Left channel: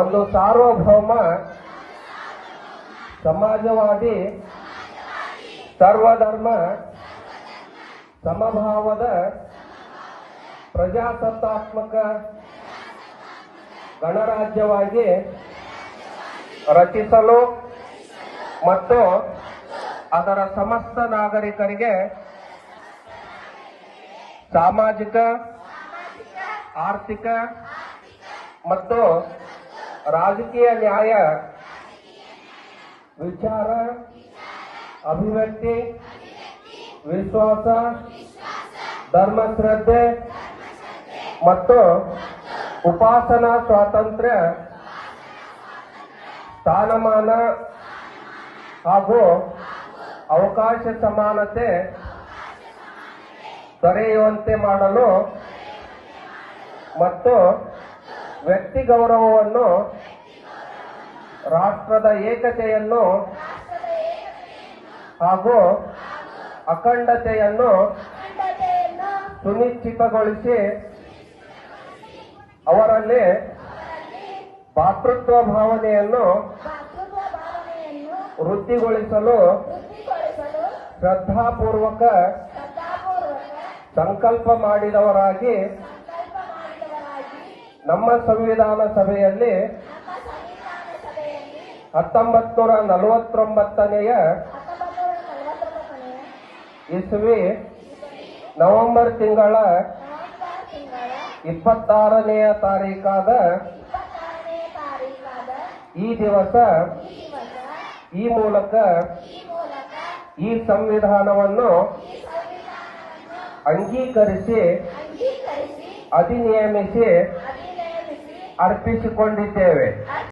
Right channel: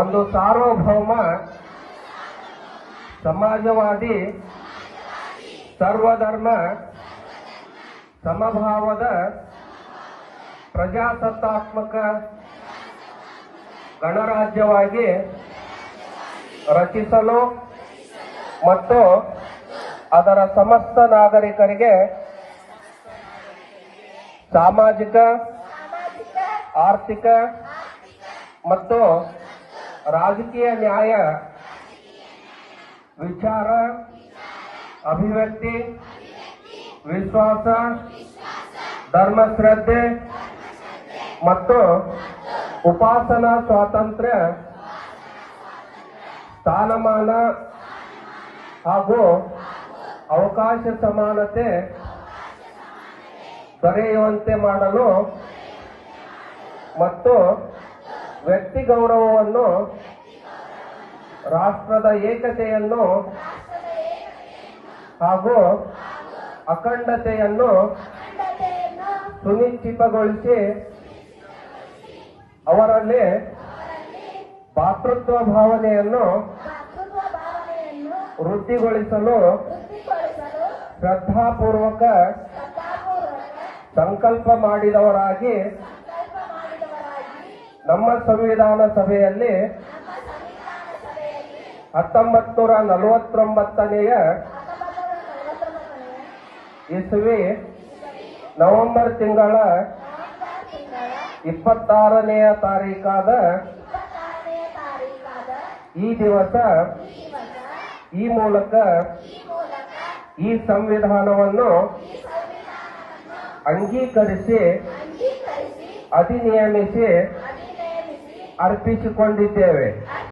ಒಂದು ಸಾರ್ವಭೌಮ ಸಮಾಜವಾದಿ ಸರ್ವಧರ್ಮ ಸಮಭಾವದ ಪ್ರಜಾಸತ್ತಾತ್ಮಕ ಗಣರಾಜ್ಯವಾಗಿ ರಚಿಸಲು ಮತ್ತು ಅದರ ಸಮಸ್ತ ನಾಗರಿಕರಿಗೆ ಸಾಮಾಜಿಕ ಆರ್ಥಿಕ ಮತ್ತು ರಾಜಕೀಯ ನ್ಯಾಯ ವಿಚಾರ ಅಭಿವ್ಯಕ್ತಿ ವಿಶ್ವಾಸ ಧರ್ಮಶ್ರದ್ಧೆ ಮತ್ತು ಉಪಾಸನಾ ಸ್ವಾತಂತ್ರ್ಯ ಸ್ಥಾನಮಾನ ಹಾಗೂ ಅವಕಾಶ ಸಮಾನತೆ ದೊರೆಯುವಂತೆ ಮಾಡಲು ಮತ್ತು ವ್ಯಕ್ತಿ ಗೌರವವನ್ನು ರಾಷ್ಟ್ರದ ಏಕತೆಯನ್ನು ಹಾಗೂ ಅಖಂಡತೆಯನ್ನು ಸುನಿಶ್ಚಿತಗೊಳಿಸಿ ಅವರಲ್ಲಿ ಭಾತೃತ್ವ ಭಾವನೆಯನ್ನು ವೃದ್ಧಿಗೊಳಿಸಲು ಶ್ರದ್ಧಾಪೂರ್ವಕ ಸಂಕಲ್ಪ ಮಾಡಿದವರಾಗಿ ನಮ್ಮ ಸಂವಿಧಾನ ಸಭೆಯಲ್ಲಿ ಹತ್ತೊಂಬತ್ತು ನೂರ ನಲವತ್ತೊಂಬತ್ತನೆಯ ಇಸ್ವಿ ನವೆಂಬರ್ ತಿಂಗಳ ಇಪ್ಪತ್ತಾರನೆಯ ತಾರೀಕಾದ ಈ ದಿವಸ ಈ ಮೂಲಕ ಈ ಸಂವಿಧಾನವನ್ನು ಅಂಗೀಕರಿಸಿ ಅಧಿನಿಯಮಿಸಿ ಅರ್ಪಿಸಿಕೊಂಡಿದ್ದೇವೆ